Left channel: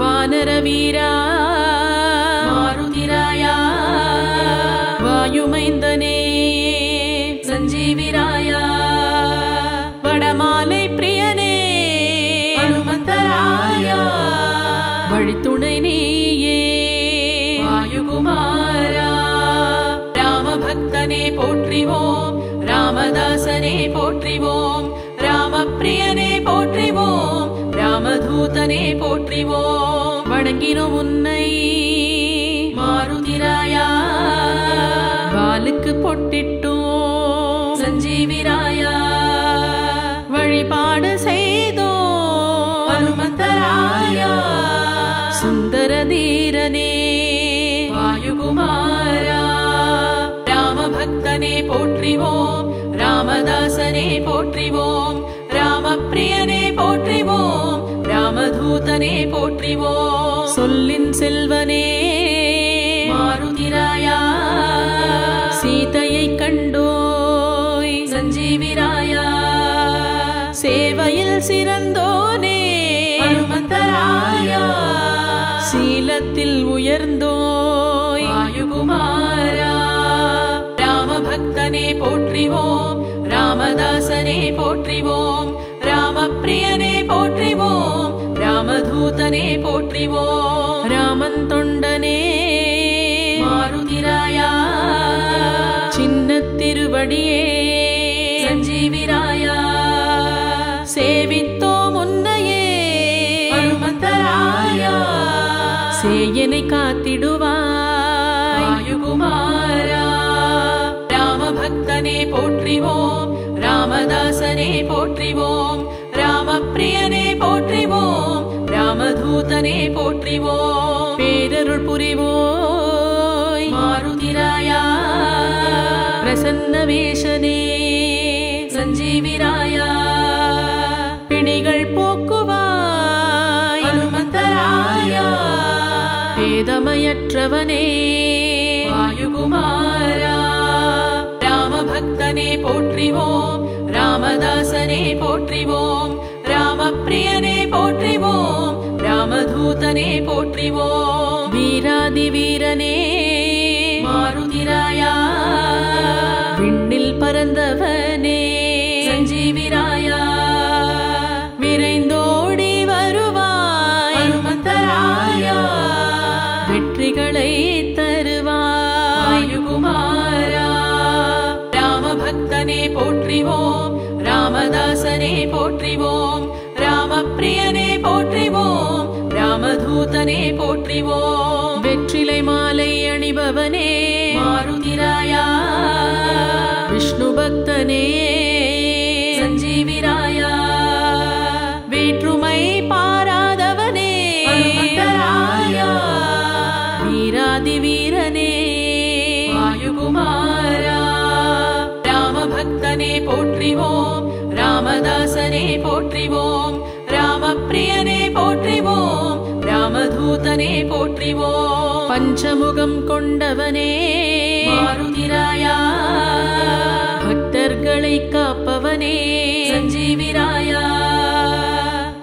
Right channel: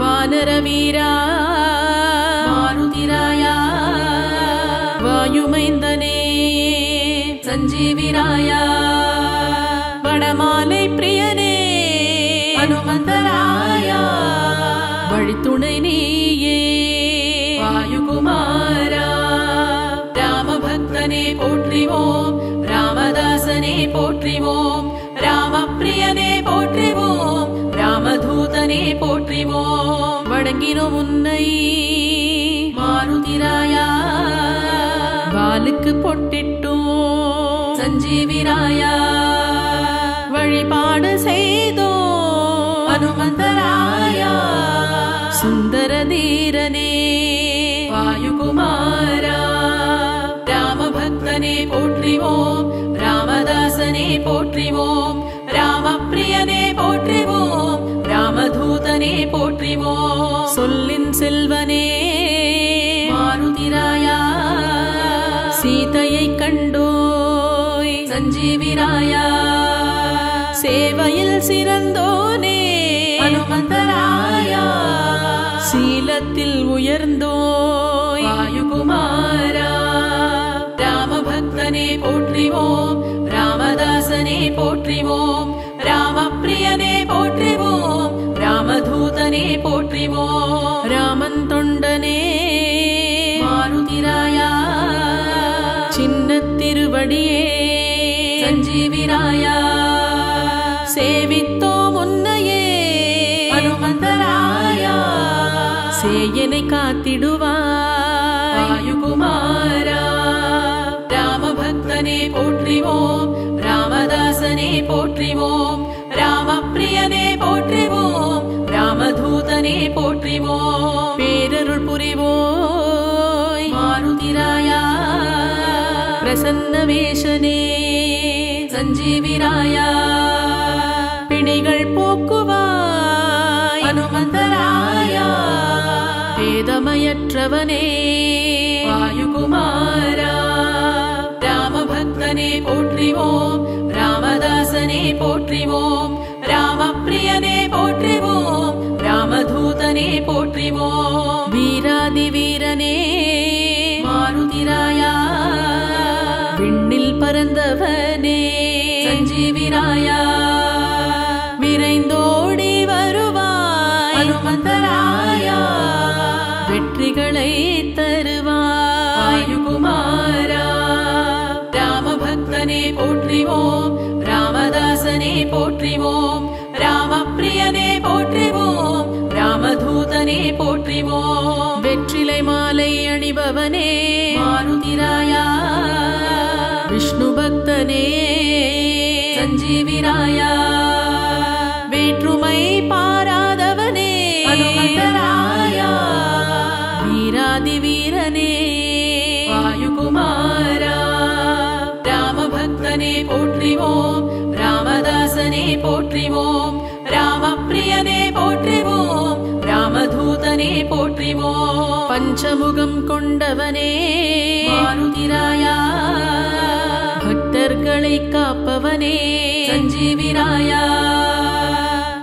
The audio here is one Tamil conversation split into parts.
வானரவீரா மாருதிராயா வாயுமைந்தனே சஞ்சீவிராயா வடமாலை பிரியனே ஹனுமந்தராயா வழித்துணை நீயே வாயுகுமாரா ராமபக்தனே போற்றிவோம் ராமதாசனே போற்றிவோம் ராமப்பிரியனே போற்றிவோம் ராமதூதனே போற்றிவோம் வணங்கினோம் உன்னை மாருதிராயா வாளுக்கு பொட்டிட்டோம் சஞ்சீவிராயா வழிபாடு செய்தோம் ஹனுமந்தராயா சுந்தர தீரனே வாயுகுமாரா ராமபக்தனே போற்றிவோம் ராமதாசனே போற்றிவோம் ராமப்பிரியனே போற்றிவோம் ராமதூதனே போற்றிவோம் சொல்லின் செல்வனே மாருதிராயா சீதையை கண்டோய் சஞ்சீவிராயா சேவையில் சிறந்தோனே ஹனுமந்தராயா சீலத்தில் உயர்ந்தோய் வாயுகுமாரா ராமபக்தனே போற்றிவோம் ராமதாசனே போற்றிவோம் ராமப்பிரியனே போற்றிவோம் ராமதூதனே போற்றிவோம் ராமன் தொண்டனே மாருதிராயா சின்ன திருவடியே சஞ்சீவிராயா சேவித்தோம் உன்னையே ஹனுமந்தராயா சேயனை காத்திடுவாய் வாயுகுமாரா ராமபக்தனே போற்றிவோம் ராமதாசனே போற்றிவோம் ராமப்பிரியனே போற்றிவோம் ராமதூதனே போற்றிவோம் பேரருள் புரிவோய் மாருதிராயா பிரசன்ன வேஷனே சஞ்சீவிராயா பிணிகள் போக்குவாய் ஹனுமந்தராயா பேதமையற்றவனே வாயுகுமாரா ராமபக்தனே போற்றிவோம் ராமதாசனே போற்றிவோம் ராமப்பிரியனே போற்றிவோம் ராமதூதனே போற்றிவோம் வீராதி வீரனே மாருதிராயா விண்ணில் பறந்தவனே சஞ்சீவிராயா விரைந்தோடி வருவாய் ஹனுமந்தராயா வெற்றிகளை தருவாய் வாயுகுமாரா ராமபக்தனே போற்றிவோம் ராமதாசனே போற்றிவோம் ராமப்பிரியனே போற்றிவோம் ராமதூதனே போற்றிவோம் வெற்றிலை மாலை அணிபவனே மாருதிராயா விஷ்ணு பக்தனே சஞ்சீவிராயா வேற்றுமை பாராதவனே ஹனுமந்தராயா வீராதி வீரனே வாயுகுமாரா ராமபக்தனே போற்றிவோம் ராமதாசனே போற்றிவோம் ராமப்பிரியனே போற்றிவோம் ராமதூதனே போற்றிவோம் பஞ்சமுகம் கொண்டவனே மாருதிராயா பக்தர்களை காப்பவனே சஞ்சீவிராயா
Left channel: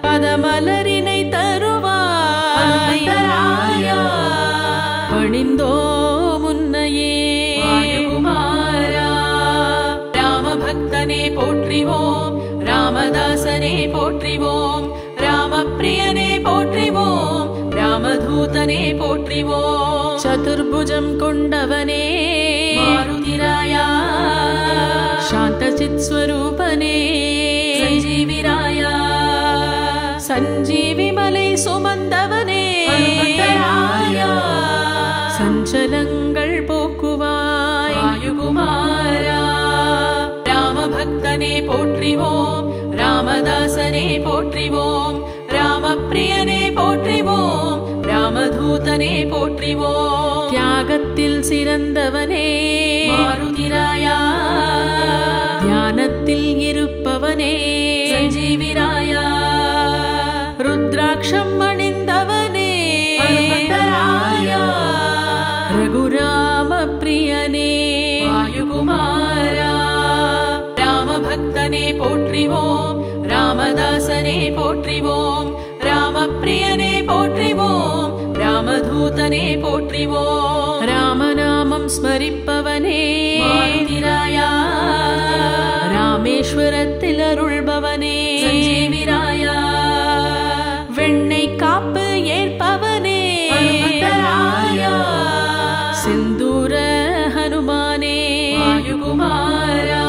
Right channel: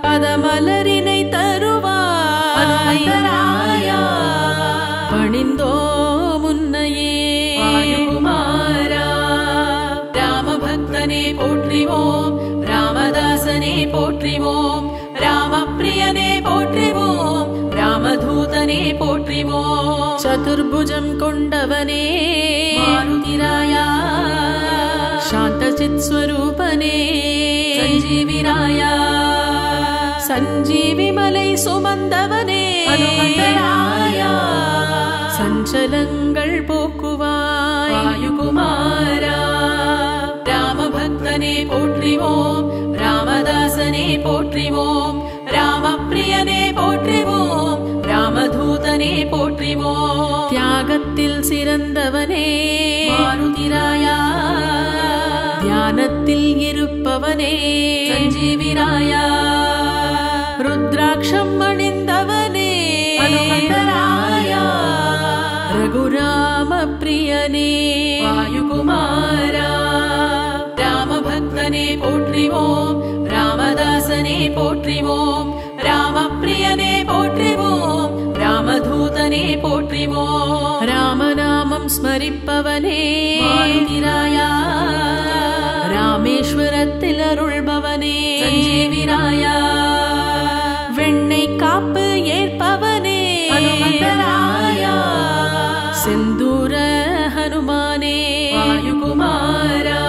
பதமலரினை தருவாய் ஹனுமந்தராயா பணிந்தோ முன்னையே வாயுகுமாரா ராமபக்தனே போற்றிவோம் ராமதாசனே போற்றிவோம் ராமப்பிரியனே போற்றிவோம் ராமதூதனே போற்றிவோம் சதுர்புஜம் கொண்டவனே மாருதிராயா சாந்த சித் ஸ்வரூபனே சஞ்சீவிராயா சஞ்சீவி மலை சுமந்தவனே ஹனுமந்தராயா சஞ்சலங்கள் போக்குவாய் வாயுகுமாரா ராமபக்தனே போற்றிவோம் ராமதாசனே போற்றிவோம் ராமப்பிரியனே போற்றிவோம் ராமதூதனே போற்றிவோம் தியாகத்தில் சிறந்தவனே மாருதிராயா தியானத்தில் இருப்பவனே சஞ்சீவிராயா ருத்ராட்சம் அணிந்தவனே ஹனுமந்தராயா ரகுராம பிரியனே வாயுகுமாரா ராமபக்தனே போற்றி போற்றிவோம் ராமதாசனே போற்றிவோம் ராமப்பிரியனே போற்றிவோம் ராமதூதனே போற்றிவோம் ராமநாமம் ஸ்மரிப்பவனே மாருதிராயா ராமேஸ்வரத்தில் அருள்பவனே சஞ்சீவிராயா வெண்ணை காப்பு ஏற்பவனே ஹனுமந்தராயா செந்தூர ஹனுமானே வாயுகுமாரா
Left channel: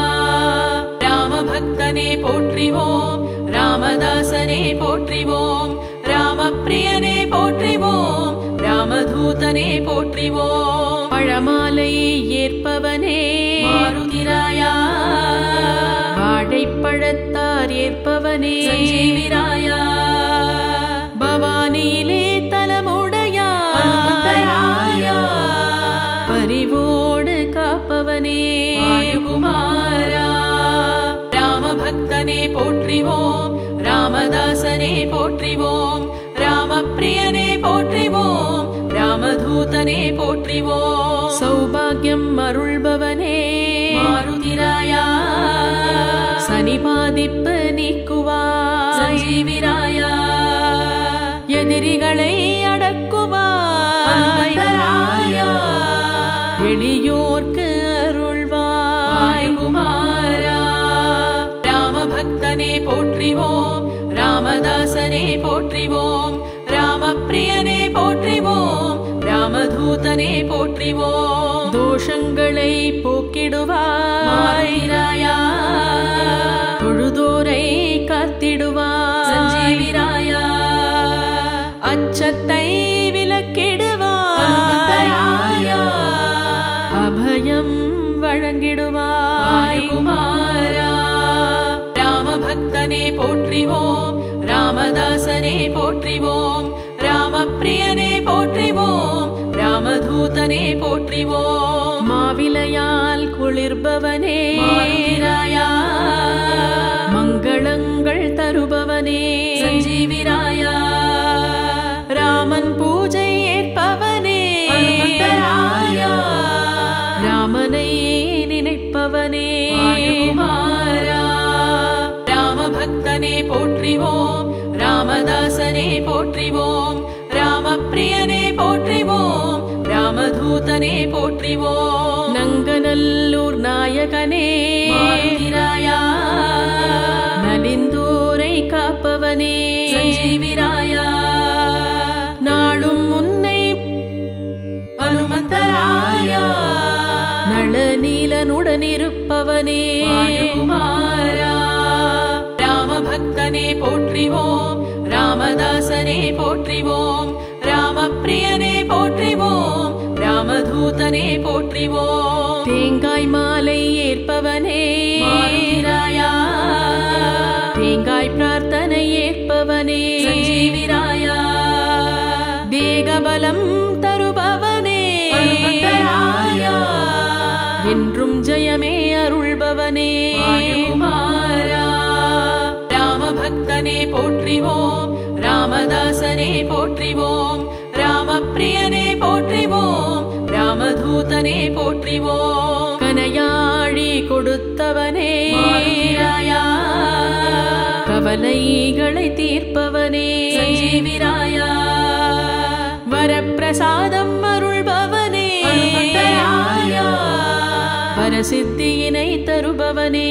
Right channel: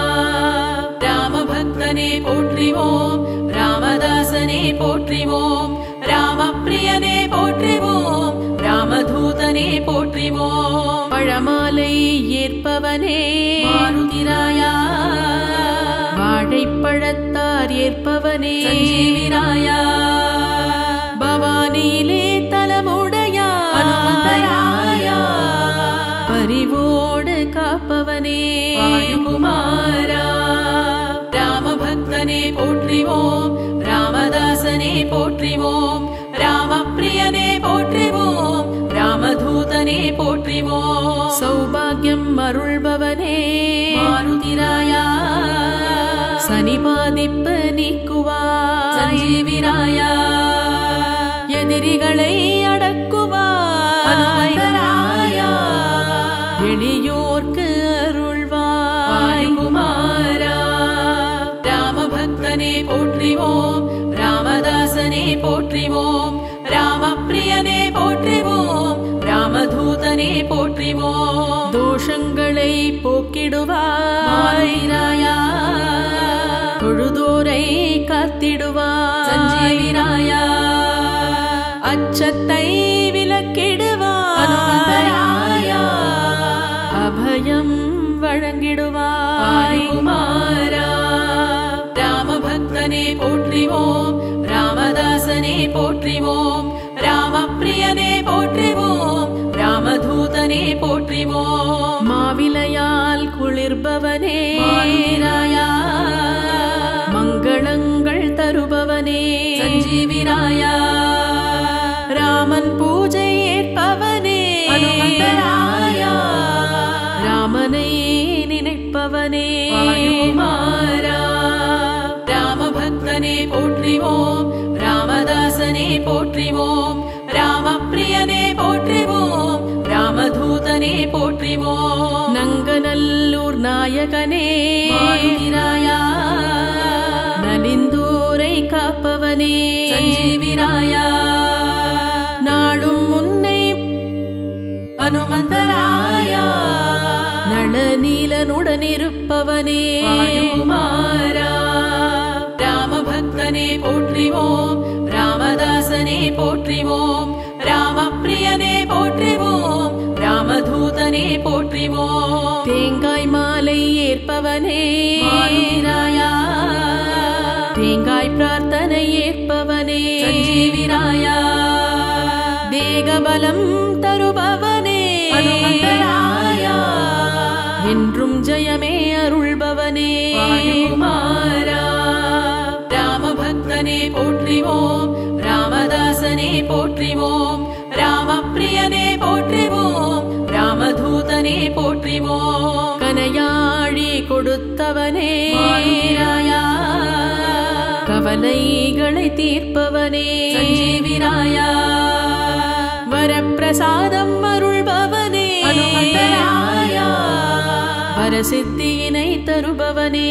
ராமபக்தனே போற்றிவோம் ராமதாசனே போற்றிவோம் ராமப்பிரியனே போற்றிவோம் ராமதூதனே போற்றிவோம் பழமாலை ஏற்பவனே மாருதிராயா வாழைப்பழத்தார் ஏற்பவனே சஞ்சீவிராயா பவானியிலே தலமுடையாயா பரிவோடு காப்பவனே வாயுகுமாரா ராமபக்தனே போற்றிவோம் ராமதாசனே போற்றிவோம் ராமப்பிரியனே போற்றிவோம் ராமதூதனே போற்றிவோம் சௌபாகியம் அருள்பவனே மாருதிராயா சனி பாதிப்பு நீக்குவாய் சஞ்சீவிராயா எதிரிகளை அடக்குவாய் எளியோர்க்கு அருள்வாய் குமாரா ராமபக்தனே போற்றிவோம் ராமதாசனே போற்றிவோம் ராமப்பிரியனே போற்றிவோம் ராமதூதனே போற்றிவோம் தோஷங்களை போக்கிடுவாய் ராயா தொழுதோரை காத்திடுவாய் சஞ்சீவிராயா அச்சத்தை விலக்கிடுவாய் அபயம் வழங்கிடுவாய் குமாரா ராமபக்தனே போற்றிவோம் ராமதாசனே போற்றிவோம் ராமப்பிரியனே போற்றிவோம் ராமதூதனே போற்றிவோம் மாவிலையால் குளிர்பவனே ராயா மங்களங்கள் தருபவனே சஞ்சீவிராயா ராமன் பூஜை ஏற்பவனே ராமனை நினைப்பவனே குமாரா ராமபக்தனே போற்றிவோம் ராமதாசனே போற்றிவோம் ராமப்பிரியனே போற்றிவோம் ராமதூதனே போற்றிவோம் நங்கநல்லூர் நாயகனே மாருதிராயா நலிந்தோரை காப்பவனே சஞ்சீவிராயா நாளும் முன்னை ஹனுமந்தராயா நளநீலனுடன் இருப்பவனே குமாரா ராமபக்தனே போற்றிவோம் ராமதாசனே போற்றிவோம் ராமப்பிரியனே போற்றிவோம் ராமதூதனே போற்றிவோம் தேங்காய் மாலை ஏற்பவனே மாருதிராயா தேங்காய் பிரார்த்தனை ஏற்பவனே சஞ்சீவிராயா தேகபலம் தருபவனே என்றும் ஜெயமே அருள்பவனே குமாரா ராமபக்தனே போற்றிவோம் ராமதாசனே போற்றிவோம் ராமப்பிரியனே போற்றிவோம் ராமதூதனே போற்றிவோம் கனையாழி கொடுத்தவனே ராயா கவலைகளை தீர்ப்பவனே சஞ்சீவிராயா வரப்பிரசாதம் அருள்பவனே வரசித்தியினை தருபவனே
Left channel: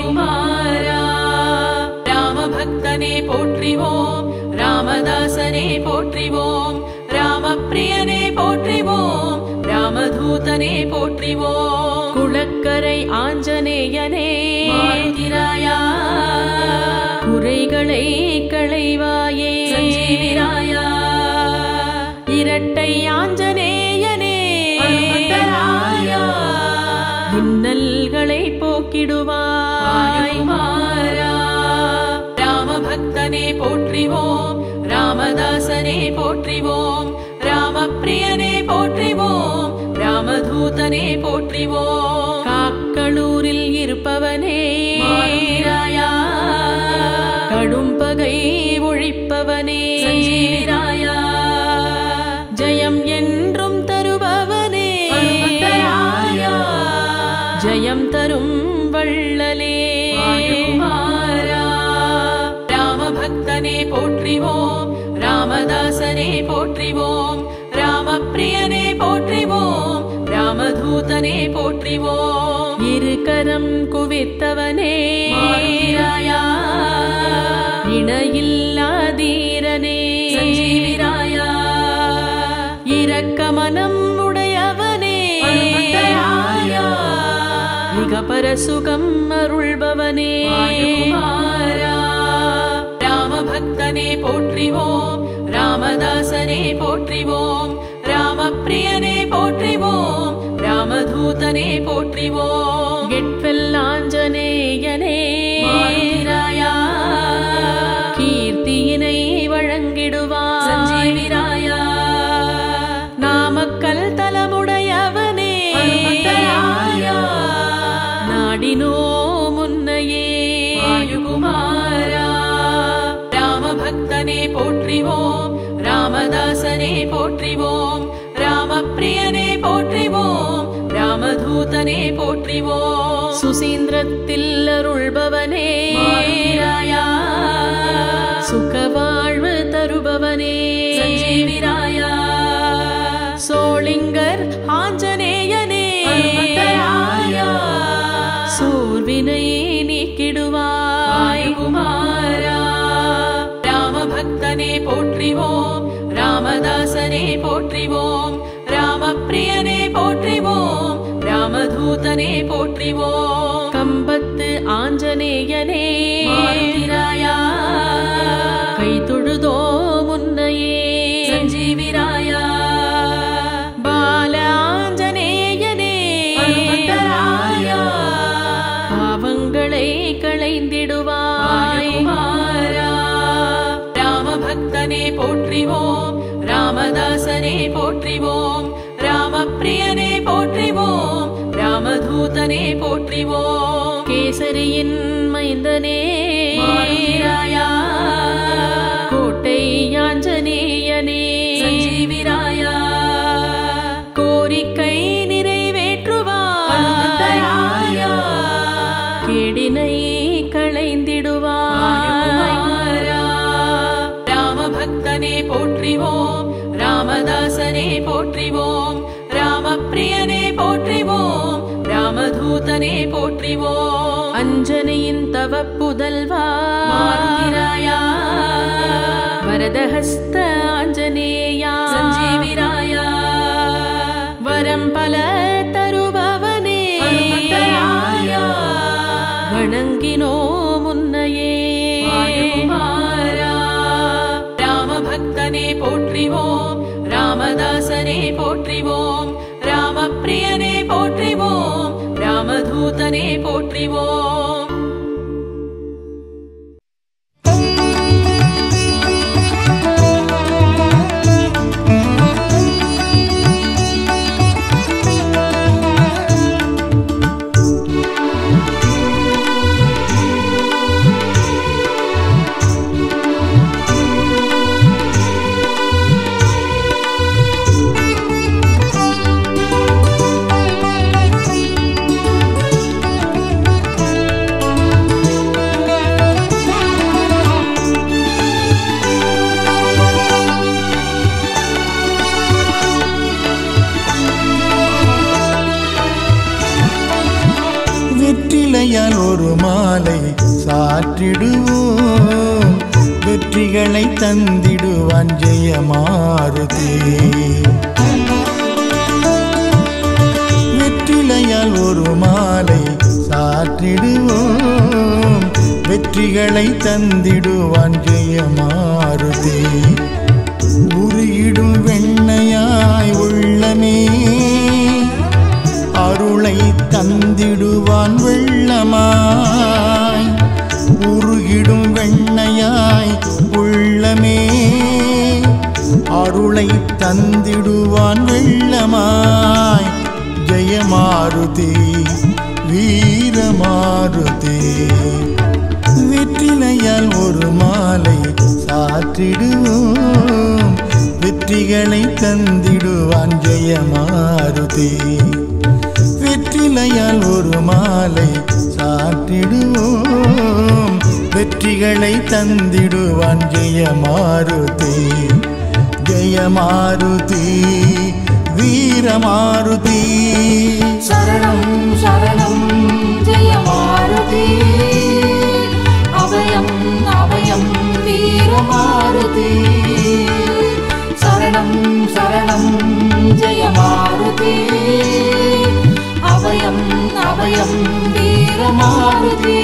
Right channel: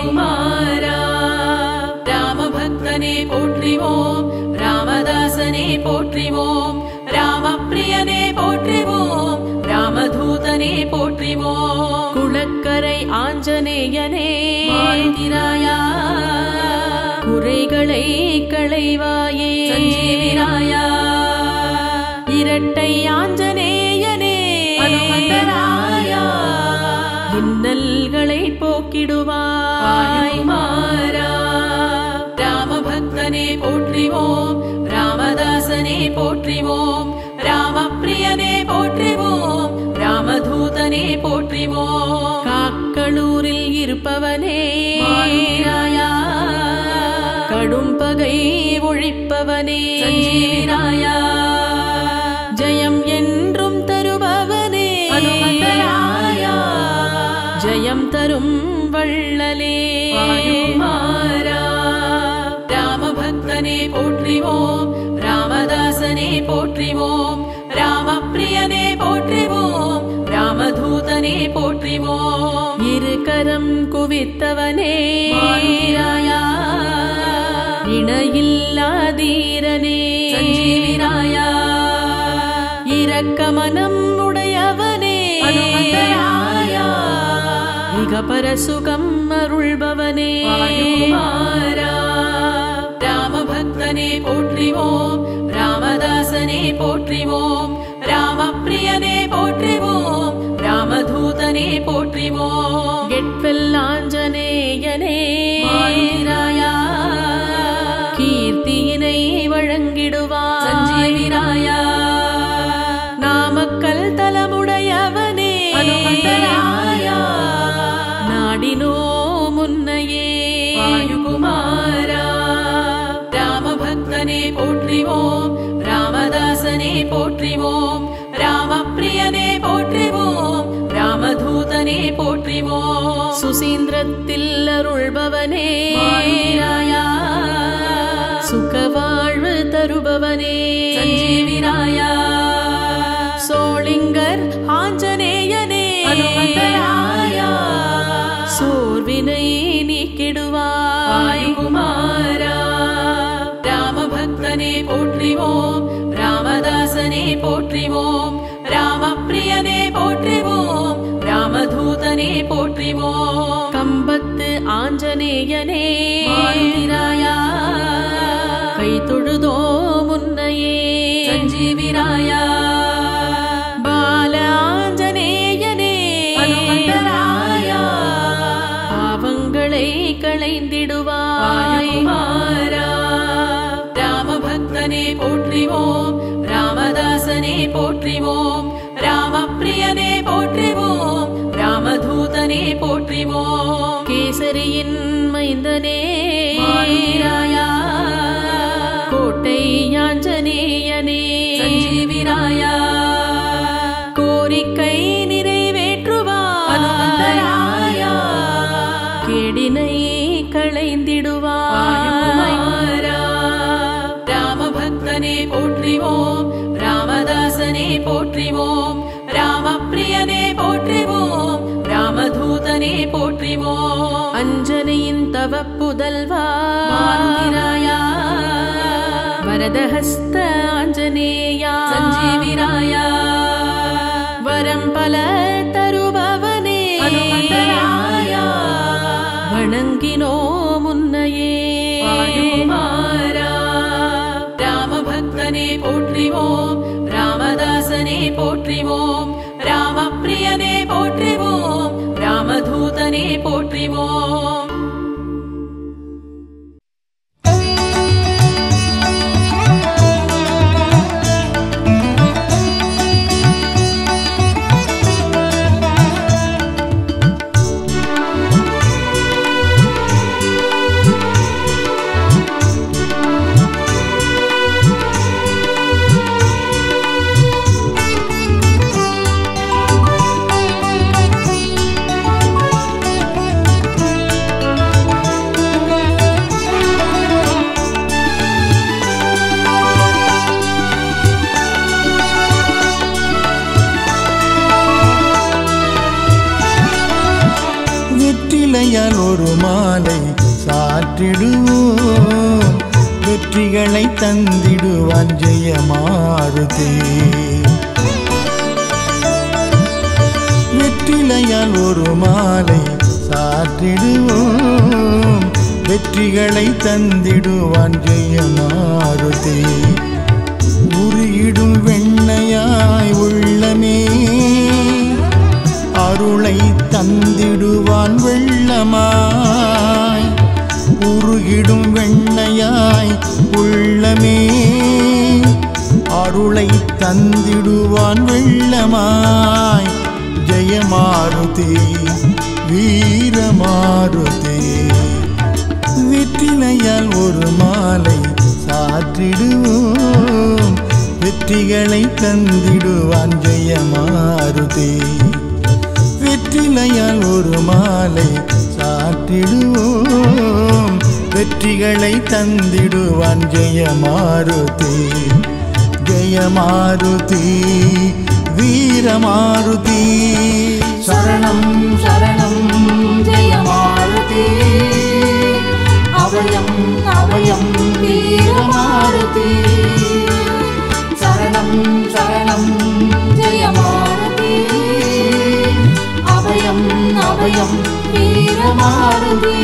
குமாரா ராமபக்தனே போற்றிவோம் ராமதாசனே போற்றிவோம் ராமப்பிரியனே போற்றிவோம் ராமதூதனே போற்றிவோம் குளக்கரை ஆஞ்சநேயனே மாருதிராயா குறைகளை களைவாயே சஞ்சீவிராயா இரட்டை ஆஞ்சநேயனே இன்னல்களை போக்கிடுவாய் குமாரா ராமபக்தனே போற்றிவோம் ராமதாசனே போற்றிவோம் ராமப்பிரியனே போற்றிவோம் ராமதூதனே போற்றிவோம் காக்களூரில் இருப்பவனே மாருதிராயா கடும் பகை ஒழிப்பவனே சஞ்சீவிராயா ஜெயம் என்றும் தருபவனே ஜெயம் தரும் வள்ளலே போற்றிவோம் ராமதாசனே போற்றிவோம் ராமப்பிரியனே போற்றிவோம் ராமதூதனே போற்றிவோம் இருகரம் குவித்தவனே மாருதிராயா இணையில்லாதீரனே சஞ்சீவிராயா இரக்க மனம் உடையவனே அனுமந்தராயா மிகபர சுகம் அருள்பவனே ராமபக்தனே போற்றிவோம் ராமதாசனே போற்றிவோம் ராமப்பிரியனே போற்றிவோம் ராமதூதனே போற்றிவோம் கெட்வெல்லாஞ்சனேயனே மாருதிராயா கீர்த்தியினை வழங்கிடுவாய் சஞ்சீவிராயா நாமக்கல் தலமுடையவனே அனுமந்தராயா நாடினோ முன்னையே வாயுகுமாரா ராமபக்தனே போற்றிவோம் ராமதாசனே போற்றிவோம் ராமப்பிரியனே போற்றிவோம் ராமதூதனே போற்றிவோம் சுசீந்திரத்தில் அருள்பவனே மாருதிராயா சுகவாழ்வு தருபவனே சஞ்சீவிராயா சோளிங்கர் ஆஞ்சநேயனே அனுமந்தராயா சோர்வினை நீக்கிடுவாய் குமாரா ராமபக்தனே போற்றிவோம் ராமதாசனே போற்றிவோம் ராமப்பிரியனே போற்றிவோம் ராமதூதனே போற்றிவோம் கம்பத்து ஆஞ்சநேயனே மாருதிராயா கை தொழுதோ முன்னையே சஞ்சீவிராயா பால ஆஞ்சநேயனே அனுமந்தராயா பாவங்களை களைந்திடுவாய் குமாரா ராமபக்தனே போற்றிவோம் ராமதாசனே போற்றிவோம் ராமப்பிரியனே போற்றிவோம் ராமதூதனே போற்றிவோம் கேசரியின் மைந்தனே மாருதிராயா கோட்டை ஆஞ்சநேயனே சஞ்சீவிராயா கோரிக்கை நிறைவேற்றுவாய் அனுமந்தராயா கேடினை களைந்திடுவாய் ராமபக்தனே போற்றிவோம் ராமதாசனே போற்றிவோம் ராமப்பிரியனே போற்றிவோம் ராமதூதனே போற்றிவோம் அஞ்சனையின் தவ புதல்வா மாருதிராயா வரதஹஸ்த ஆஞ்சநேயா சஞ்சீவிராயா வரம் பல தருபவனே அனுமந்தராயா வணங்கினோ முன்னையே வாயுகுமாரா ராமபக்தனே போற்றிவோம் ராமதாசனே போற்றிவோம் ராமப்பிரியனே போற்றிவோம் ராமதூதனே போற்றிவோம் வெற்றிலையால் ஒரு மாலை சாற்றிடுவோம் வெற்றிகளை தந்திடுவான் ஜெயமாருதி வெற்றிலையால் ஒரு மாலை சாற்றிடுவோம் வெற்றிகளை தந்திடுவான் ஜெயமாருதி உருகிடும் வெண்ணையாய் உள்ளமே அருளை தந்திடுவான் வெள்ளமாய் உருகிடும் வெண்ணையாய் உள்ளமே அருளை தந்திடுவான் வெள்ளமாய் ஜெயமாருதி வீரமாருதி வெற்றிலையால் ஒரு மாலை சாற்றிடுவோம் வெற்றிகளை தந்திடுவான் ஜெயமாருதி வெற்றிலையால் ஒரு மாலை சாற்றிடுவோம் வெற்றிகளை தந்திடுவான் ஜெயமாருதி ஜெயமாருதி வீரமாருதி சரணம் சரணம் ஜெயமாருதி அபயம் அபயம் வீரமாருதி சரணம் சரணம் ஜெயமாருதி அபயம் அபயம் வீரமாருதி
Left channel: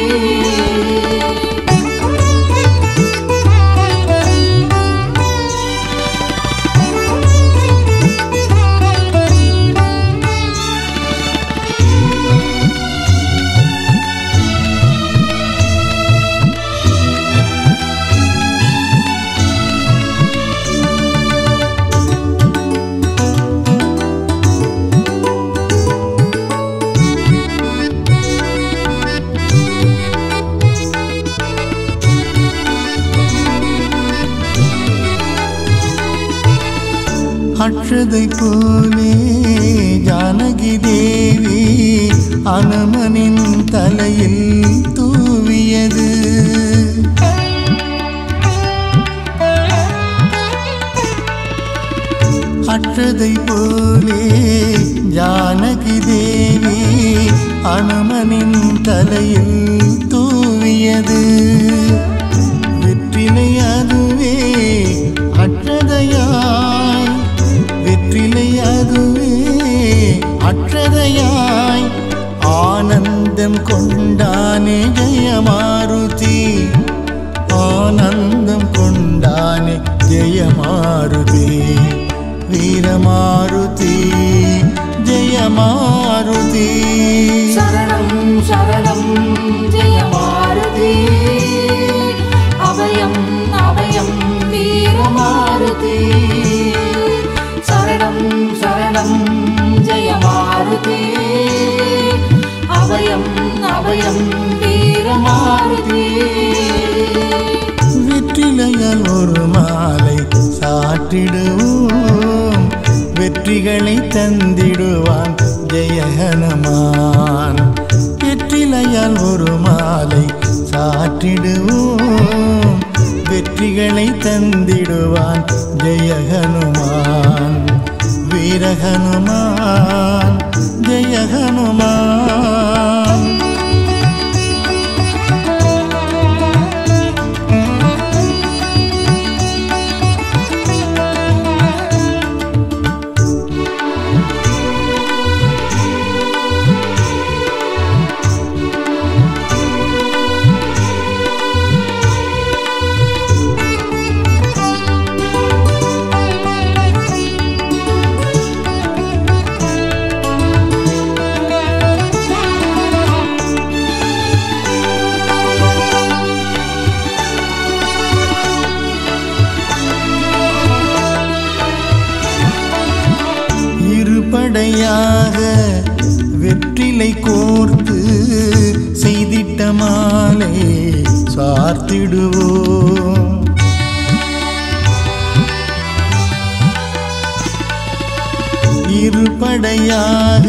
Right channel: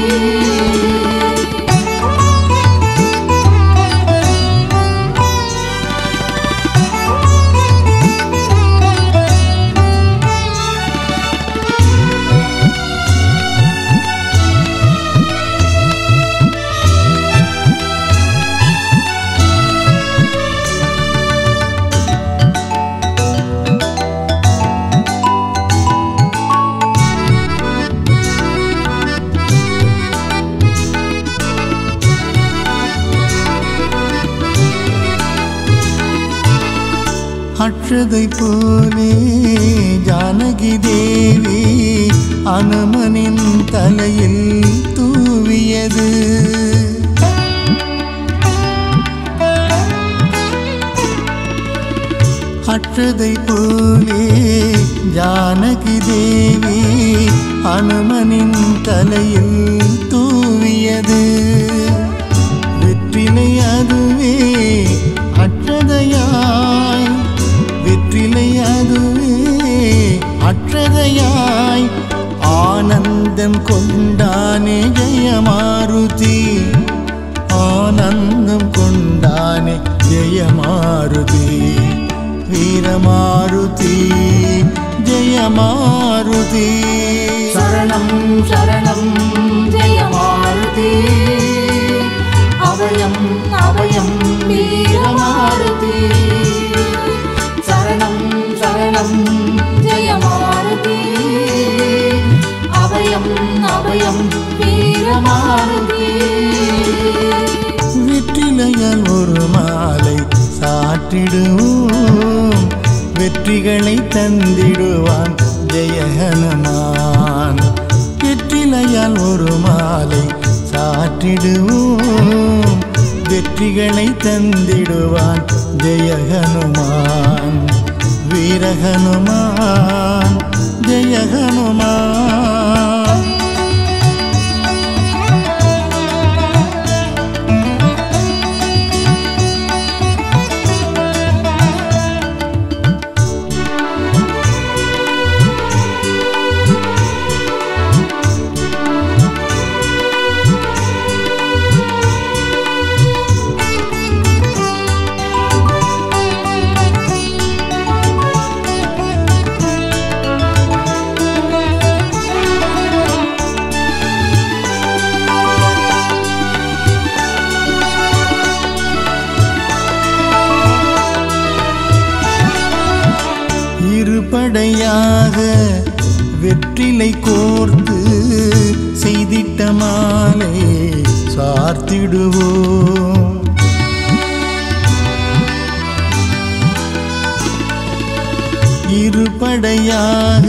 அக்ஷதை போலே ஜானகி தேவி அனுமனின் தலையில் தூவியது அக்ஷதை போலே ஜானகி தேவி அனுமனின் தலையில் தூவியது வெற்றிலை அதுவே அக்ஷதையாய் வெற்றிலை அதுவே அக்ஷதையாய் ஆனந்தம் கொண்டானே ஜெயமாருதி ஆனந்தம் கொண்டானே ஜெயமாருதி வீரமாருதி ஜெயமாருதி சரணம் சரணம் ஜெயமாருதி அபயம் அபயம் வீரமாருதி சரணம் சரணம் ஜெயமாருதி அபயம் அபயம் வீரமாருதி வெற்றிலையால் ஒரு மாலை சாற்றிடுவோம் வெற்றிகளை தந்திடுவான் ஜெய ஹனுமான் வெற்றிலையால் ஒரு மாலை சாற்றிடுவோம் வெற்றிகளை தந்திடுவான் ஜெய ஹனுமான் வீர ஹனுமான் ஜெய ஹனுமான் இருபடையாக வெற்றிலை கோர்த்து செய்திட்ட மாலை சார்த்திடுவோம் இருபடையாக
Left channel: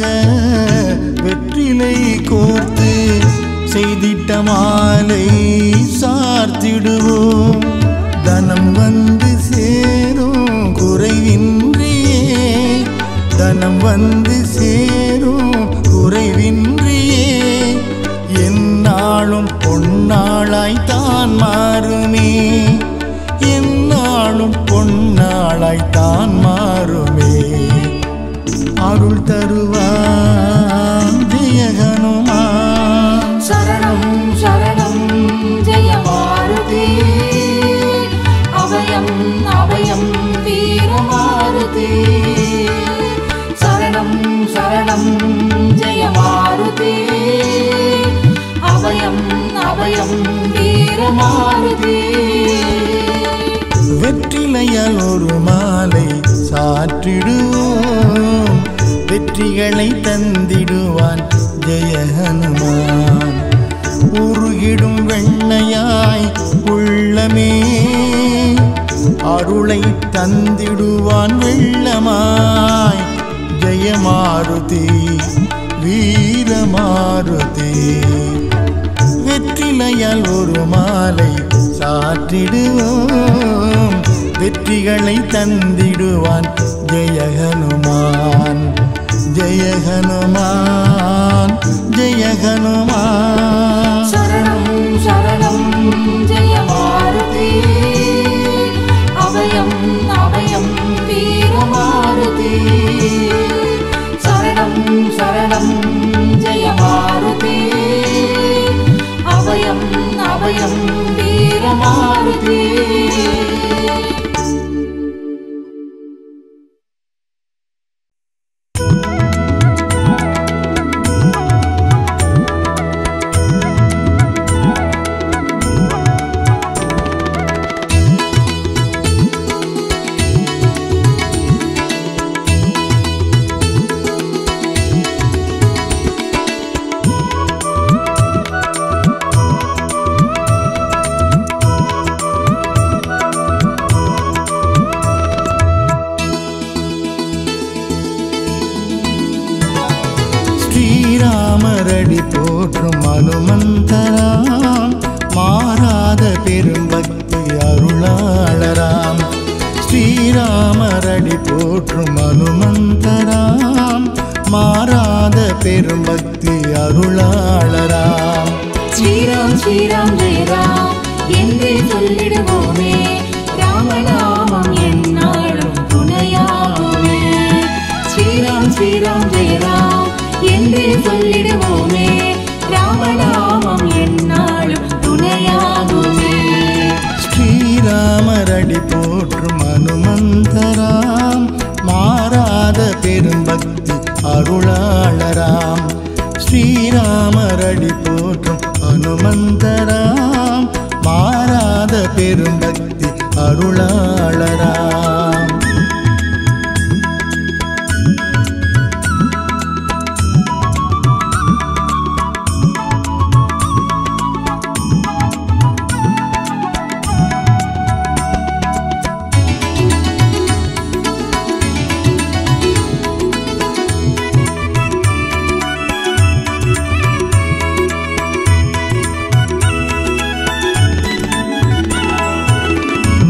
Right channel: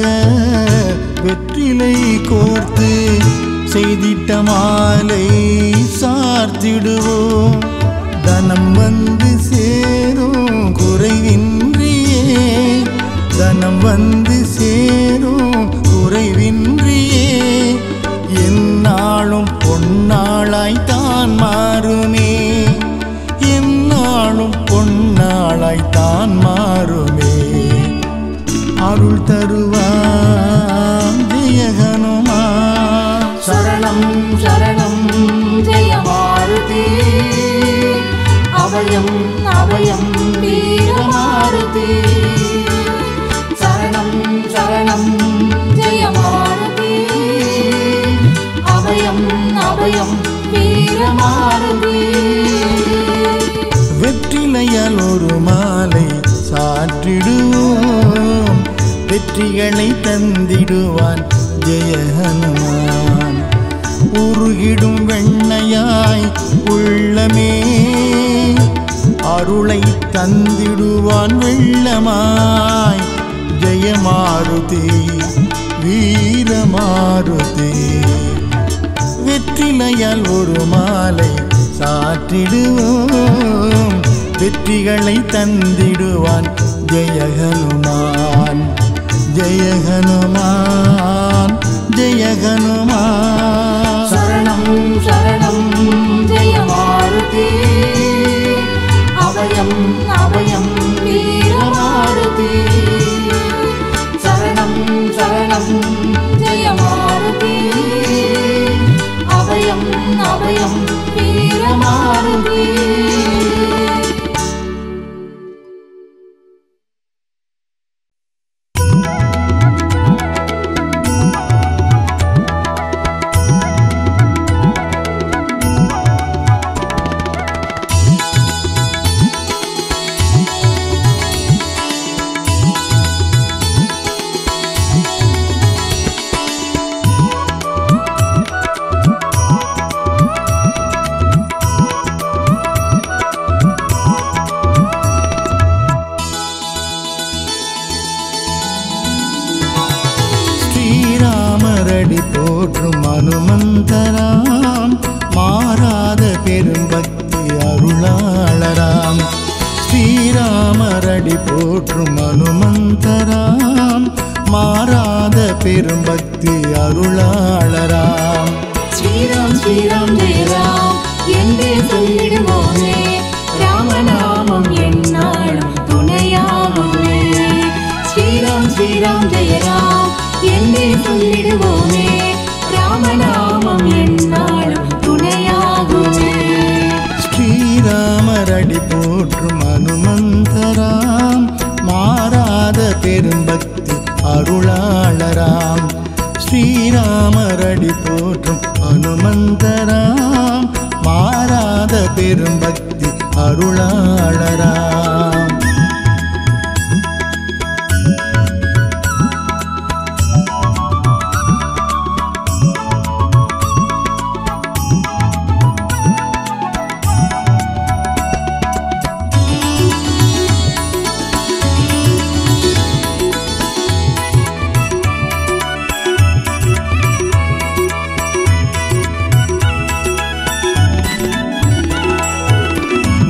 வெற்றிலை கோர்த்து செய்திட்ட மாலை சார்த்திடுவோம் தனம் வந்து சேரும் குறைவின்றியே தனம் வந்து சேரும் குறைவின்றியே எந்நாளும் பொன்னாளாய் தான் மாறுமே எந்நாளும் பொன்னாளாய் தான் மாறுமே அருள் தருவான் ஜெய ஹனுமான் சரணம் சரணம் ஜெயமாருதி அபயம் அபயம் வீரமாருதி சரணம் சரணம் ஜெயமாருதி அபயம் அபயம் வீரமாருதி வெற்றிலையால் ஒரு மாலை சாற்றிடுவோம் வெற்றிகளை தந்திடுவான் ஜெய ஹனுமான் உருகிடும் வெண்ணையாய் உள்ளமே அருளை தந்திடுவான் வெள்ளமாய் ஜெயமாருதி வீரமாருதி. வெற்றிலையால் ஒரு மாலை சாற்றிடுவோம், வெற்றிகளை தந்திடுவான் ஜெய ஹனுமான். ஜெய ஹனுமான், ஜெய ஹனுமான். சரணம் சரணம் ஜெய மாருதி, அபயம் அபயம் வீர மாருதி. சரணம் சரணம் ஜெய மாருதி, அபயம் அபயம் வீர மாருதி. ஸ்ரீராமரடி போற்றும் அனுமந்தராம், மாறாத பெரும் பக்தி அருளாளராம். ஸ்ரீராமரடி போற்றும் அனுமந்தராம், மாறாத பெரும் பக்தி அருளாளராம். ஸ்ரீராம் ஸ்ரீராம் ஜெய ராம் என்றே சொல்லிடுவோமே, ராமநாமம் எந்நாளும் துணையாகுமே. ஸ்ரீராம் ஸ்ரீராம் ஜெய ராம் என்றே சொல்லிடுவோமே, ராமநாமம் எந்நாளும் துணையாகுமே. ஸ்ரீராமரடி போற்றும் அனுமந்தராம், மாறாத பெரும் பக்தி அருளாளராம். ஸ்ரீராமரடி போற்றும் அனுமந்தராம், மாறாத பெரும் பக்தி அருளாளராம்.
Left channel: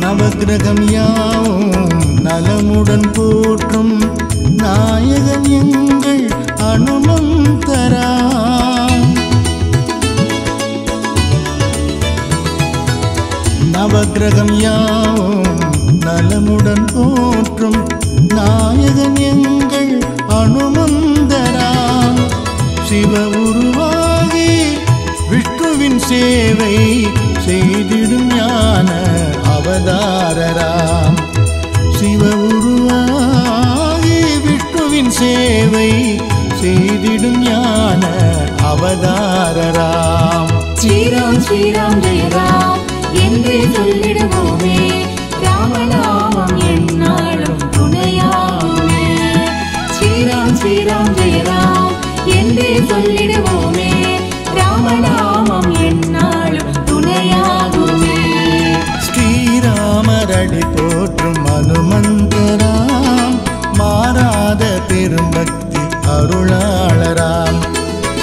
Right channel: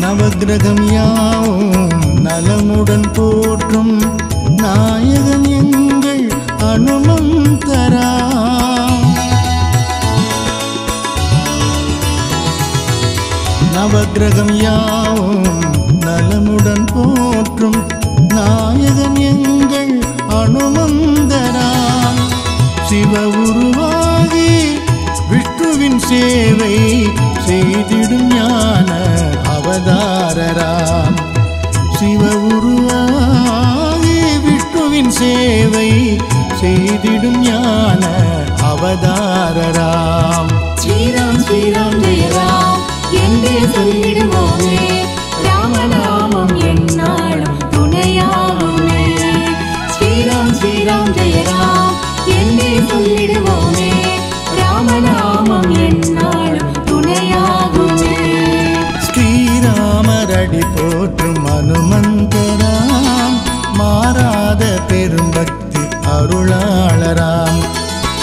நவக்கிரகம் யாவும் நலமுடன் போற்றும் நாயகன் எங்கள் அனுமந்தராம். நவக்கிரகம் யாவும் நலமுடன் போற்றும் நாயகன் எங்கள் அனுமந்தராம். சிவ உருவாகி விஷ்ணுவின் சேவை செய்திடும் ஞான அவதாரராம். சிவ உருவாகி விஷ்ணுவின் சேவை செய்திடும் ஞான அவதாரராம். ஸ்ரீராம் ஸ்ரீராம் ஜெய ராம் என்றே சொல்லிடுவோமே, ராமநாமம் எந்நாளும் துணையாகுமே. ஸ்ரீராம் ஸ்ரீராம் ஜெய ராம் என்றே சொல்லிடுவோமே, ராமநாமம் எந்நாளும் துணையாகுமே. ஸ்ரீராமரடி போற்றும் அனுமந்தராம், மாறாத பெரும் பக்தி அருளாளராம்.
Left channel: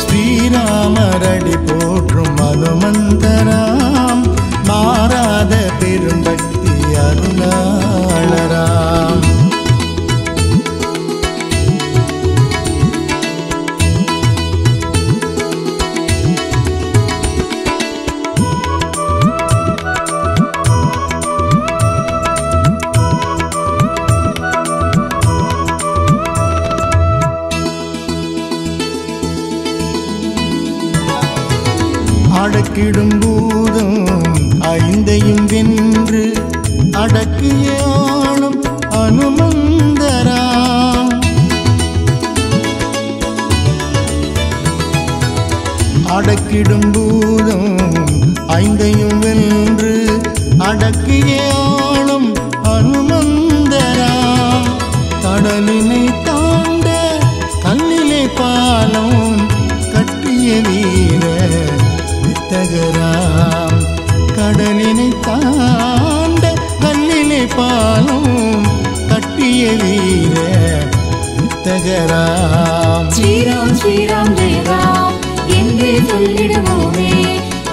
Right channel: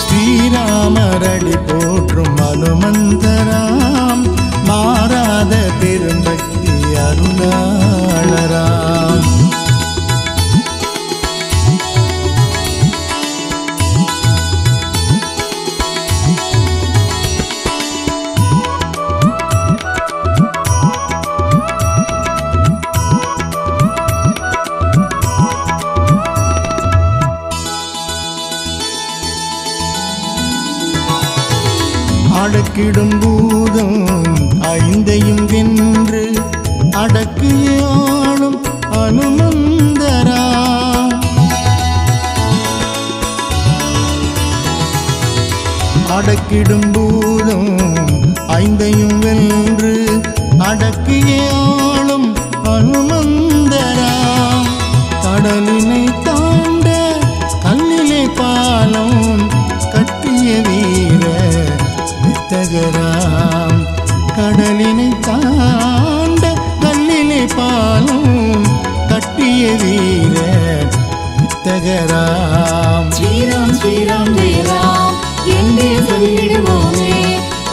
ஸ்ரீராமரடி போற்றும் அனுமந்தராம், மாறாத பெரும் பக்தி அருளாளராம். அடக்கிடும் பூதம் ஐந்தையும் வென்று அடக்கிய ஆளும் அனுமந்தராம். அடக்கிடும் பூதம் ஐந்தையும் வென்று அடக்கிய ஆளும் அனுமந்தராம். கடலினை தாண்ட கல்லிலே பாலம் கட்டிய வீர வித்தகராம். கடலினை தாண்ட கல்லிலே பாலம் கட்டிய வீர வித்தகராம். ஸ்ரீராம் ஸ்ரீராம் ஜெய ராம் என்றே சொல்லிடுவோமே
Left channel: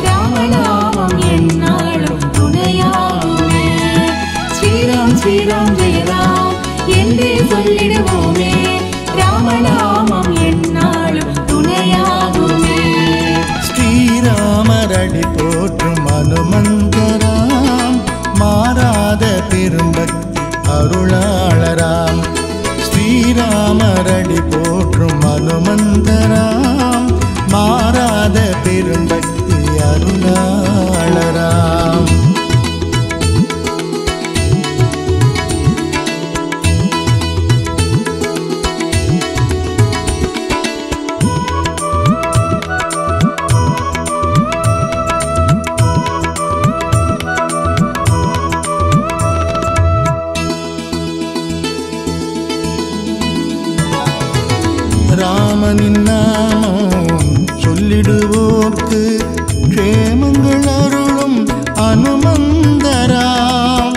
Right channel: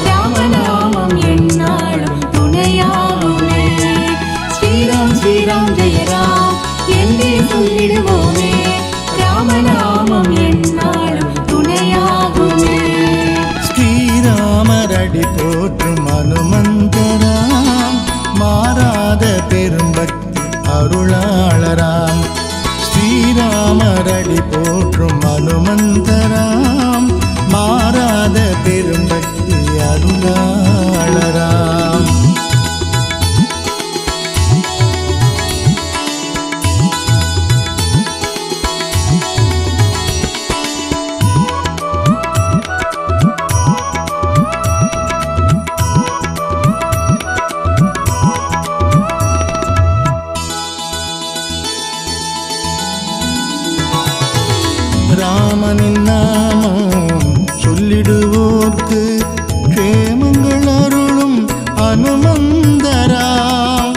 ராமநாமம் எந்நாளும் துணையாகுமே. ஸ்ரீராம் ஸ்ரீராம் ஜெய ராம் என்றே சொல்லிடுவோமே ராமநாமம் எந்நாளும் துணையாகுமே. ஸ்ரீராமரடி போற்றும் அனுமந்தராம் மாறாத பெரும்பக்தி அருளாளராம். ஸ்ரீராமரடி போற்றும் அனுமந்தராம் மாறாத பெரும்பக்தி அருளாளராம். ராமனின் நாமம் சொல்லிடுவோர்க்கு க்ஷேமங்கள் அருளும் அனுமந்தராம்.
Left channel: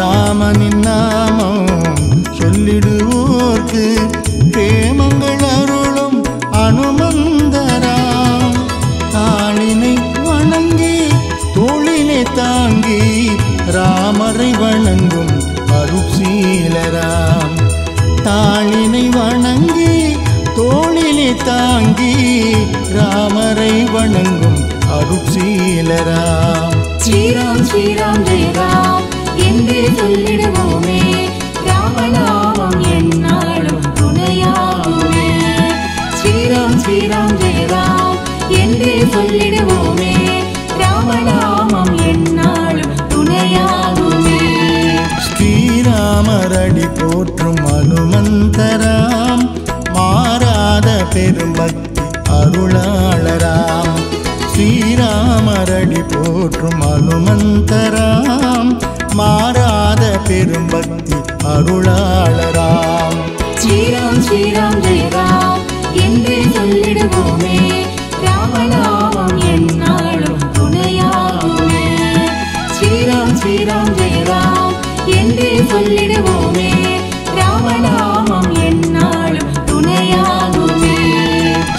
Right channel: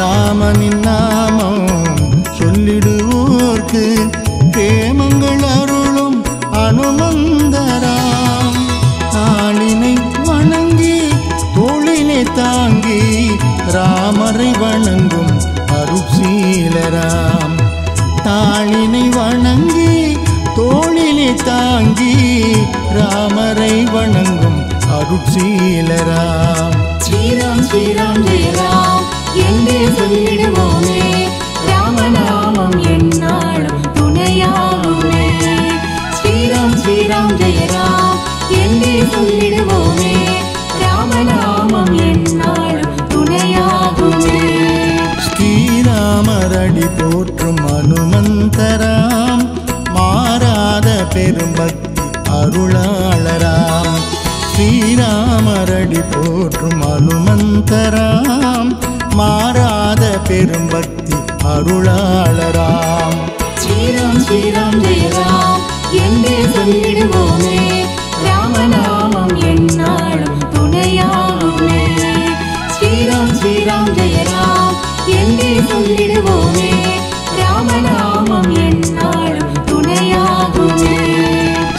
ராமனின் நாமம் சொல்லிடுவோர்க்கு க்ஷேமங்கள் அருளும் அனுமந்தராம். தாளினை வணங்கி தோளினை தாங்கி ராமரை வணங்கும் அருட்சீலராம். தாளினை வணங்கி தோளினை தாங்கி ராமரை வணங்கும் அருட்சீலராம். ஸ்ரீராம் ஸ்ரீராம் ஜெய ராம் என்றே சொல்லிடுவோமே ராமநாமம் எந்நாளும் துணையாகுமே. ஸ்ரீராம் ஸ்ரீராம் ஜெய ராம் என்றே சொல்லிடுவோமே ராமநாமம் எந்நாளும் துணையாகுமே. ஸ்ரீராமரடி போற்றும் அனுமந்தராம் மாறாத பெரும்பக்தி அருளாளராம். ஸ்ரீராமரடி போற்றும் அனுமந்தராம் மாறாத பெரும்பக்தி அருளாளராம். ஸ்ரீராம் ஸ்ரீராம் ஜெய ராம் என்றே சொல்லிடுவோமே ராமநாமம் எந்நாளும் துணையாகுமே. ஸ்ரீராம் ஸ்ரீராம் ஜெய ராம் என்றே சொல்லிடுவோமே ராமநாமம் எந்நாளும் துணையாகுமே.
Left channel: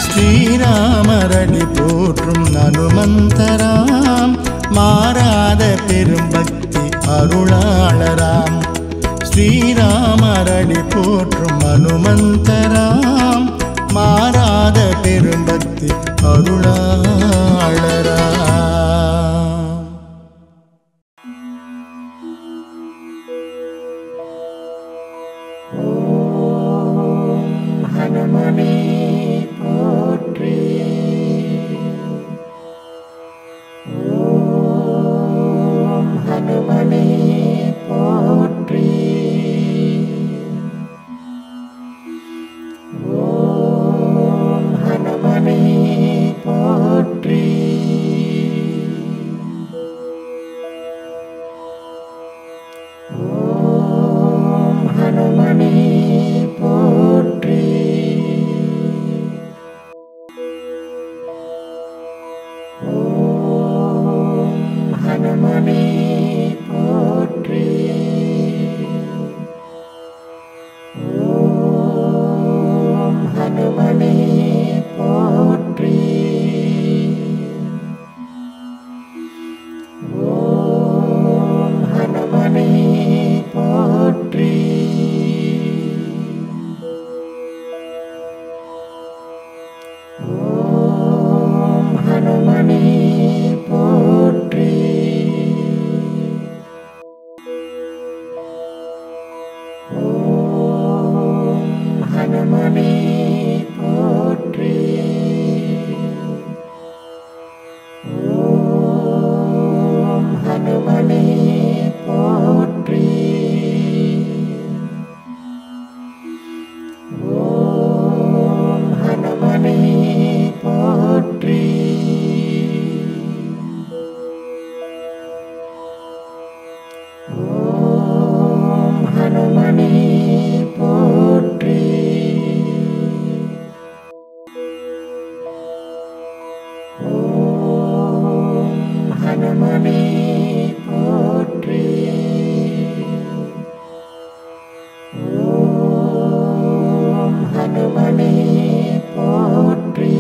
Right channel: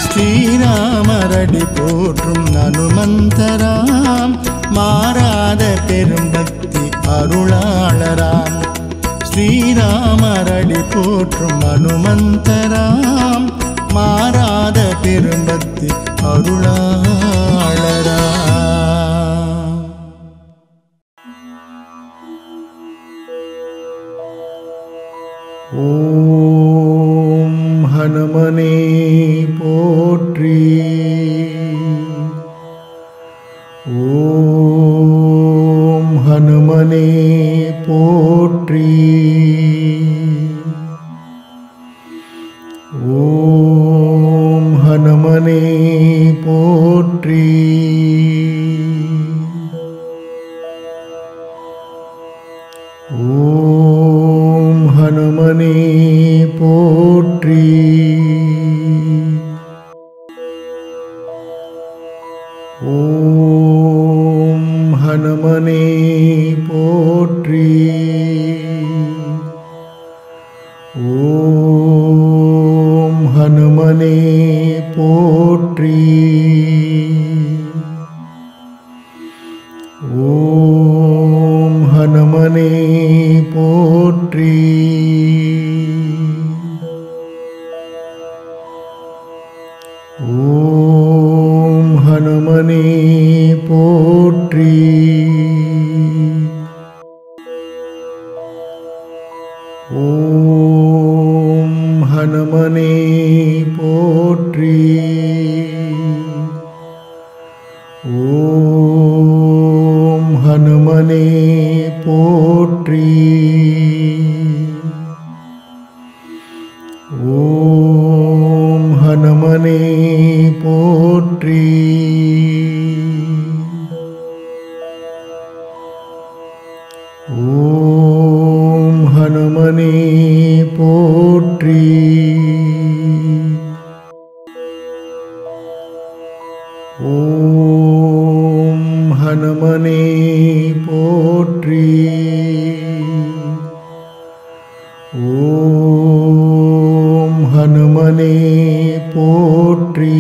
ஸ்ரீராமரடி போற்றும் அனுமந்தராம் மாறாத பெரும்பக்தி அருளாளராம். ஸ்ரீராமரடி போற்றும் அனுமந்தராம் மாறாத பெரும்பக்தி அருளாளராம். ஓம் ஹனுமனே போற்றி. ஓம் ஹனுமனே போற்றி. ஓம் ஹனுமனே போற்றி. ஓம் ஹனுமனே போற்றி. ஓம் ஹனுமனே போற்றி. ஓம் ஹனுமனே போற்றி. ஓம் ஹனுமனே போற்றி. ஓம் ஹனுமனே போற்றி. ஓம் ஹனுமனே போற்றி. ஓம் ஹனுமனே போற்றி. ஓம் ஹனுமனே போற்றி. ஓம் ஹனுமனே போற்றி. ஓம் ஹனுமனே போற்றி. ஹனுமனே போற்றி.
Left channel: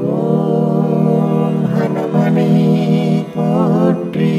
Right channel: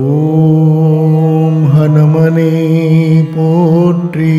ஓம் ஹனுமனே போற்றி.